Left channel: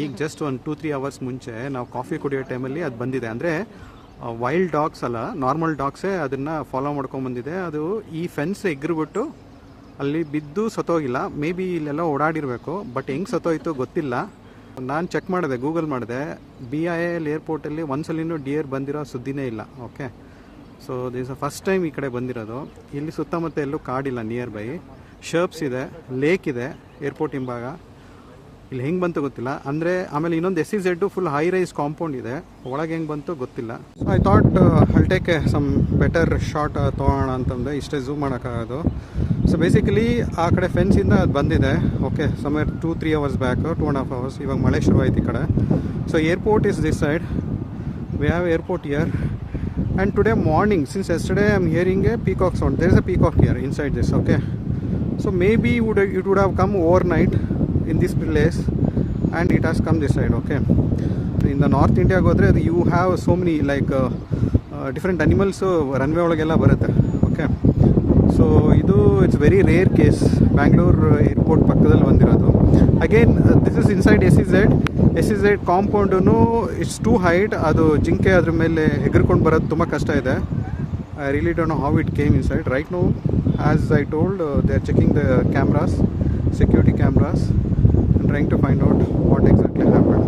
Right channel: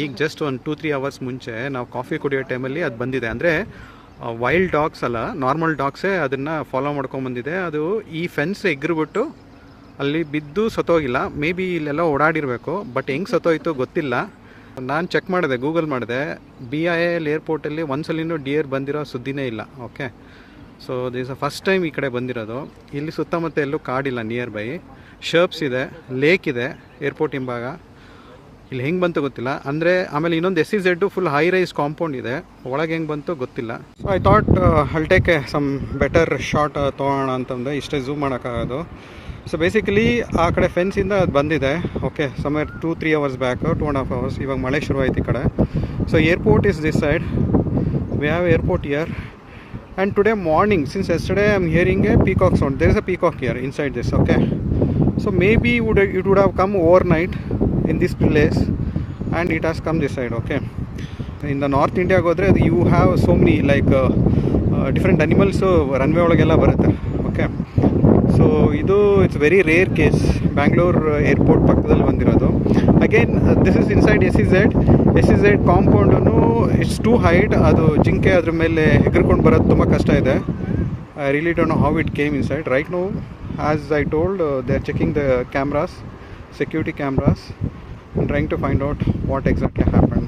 ಈಗ ಜಸ್ಟ್ ಒಂದು 2-3 ಅವರ್ಸ್ ಮುಂಚೆ ನಾವು ಕಾಫಿ ಕುಡಿಯೋ ಟೈಮಲ್ಲಿ ಅದು ಬಂದಿದೆ. ಅಂದರೆ ವೈಲ್ಡ್ ಡಾಗ್ಸ್ ಅಲ್ಲ, ನಾರ್ಮಲ್ ಡಾಗ್ಸೇ ಅದನ್ನು ಫಾಲೋ ಮಾಡ್ಕೊಂಬಂದಿದೆ. ಅದು ಈ ಫೆನ್ಸ್ ಎಗ್ರಿಬಿಟ್ಟು ಅಲ್ಲಿ ಬಿದ್ದು ಸತ್ತೋಗಿಲ್ಲ. ಮೇ ಬಿ ಇಲ್ಲೆಲ್ಲ ಓಡಾಡಿರಬೇಕು, ಬಟ್ ಹೆಂಗೆ ಸತ್ತೋಯ್ತು ಗೊತ್ತಿಲ್ಲ. ನಾನು ಚೆಕ್ ಮಾಡಿದೆ, ಗೂಗಲ್ ಮಾಡಿದೆ, BIL ಏರ್ಪೋರ್ಟಲ್ಲಿ ಒಂದ್ಸಲಿನೂ ಡಿಯರ್ ಬಂದಿರೋ ಸುದ್ದಿನೇ ಇಲ್ಲ. Okay, so this first time ಈ ಕಡೆ ಬಂದಿರೋದು. ಇಲ್ಲಿ ಸುತ್ತಮುತ್ತ ಎಲ್ಲೂ ಕಾಡಿಲ್ಲ, ನಿಯರ್ ಬೈ ಶರ್ಪ್ಸ್ ಇದೆ, ಲೇಕ್ ಇದೆ ಏರ್ಪೋರ್ಟ್ ಹಿಂಭಾಗ. ಇಲ್ಲಿ ಹೆಂಗೆ ಬಂತು ಗೊತ್ತಿಲ್ಲ. ಅಂದರೆ ಆಮೇಲೆ ಇನ್ನೊಂದು SEZ full high rise compound ಇದೆ, ಒಳಗೆ ಹೆಂಗೆ ಬಂತು ಗೊತ್ತಿಲ್ಲ. So I thought I'll take some better shot ತೊಗೊಳ್ಳೋಣ ಅಂತಂದರೆ ಇಷ್ಟೇ ಝೂಮ್ ಮಾಡೋಕ್ಕಾಗೋದು. ಸೊ ಬೇಸಿಕಲಿ ಆ ಕಡೆ ಫೆನ್ಸಿಂದ ಅದು ಬಂದಿದೆ. Okay, somewhere 2-3 hours back, 2.5 hours. ಇವಾಗ ಮಳೆ ಶುರುವಾಯ್ತು ಈ ಕಡೆ. So airport is this side, we have airport here. And today morning, since yesterday I am hearing a peacock sound. There is a peacock here inside this. Okay, so maybe it would have come overnight in this place and it has come this side. Okay, in the North India ಹೋದರೆ ಅದು you have so many like different animals runway ಒಳಗೆಲ್ಲ ಬರುತ್ತೆ. Okay, so ಇದು it's very rare case. Bangalore airport ಪಕ್ಕದಲ್ಲಿ ಬಂದಿರೋದು. Again this is inside SEZ compound. It's too height. ಅದು ಜಿಂಕೆ ಅದ್ರ ಮೇಲೆ ಹೆಗರ್ಕೊಂಡು ಬರೋದು ತುಂಬ ಕಷ್ಟ ಇದೆ. I really don't know how it came inside. Right now, as I told, they are checking the cameras, security cameras, and trying to find out what exactly happened.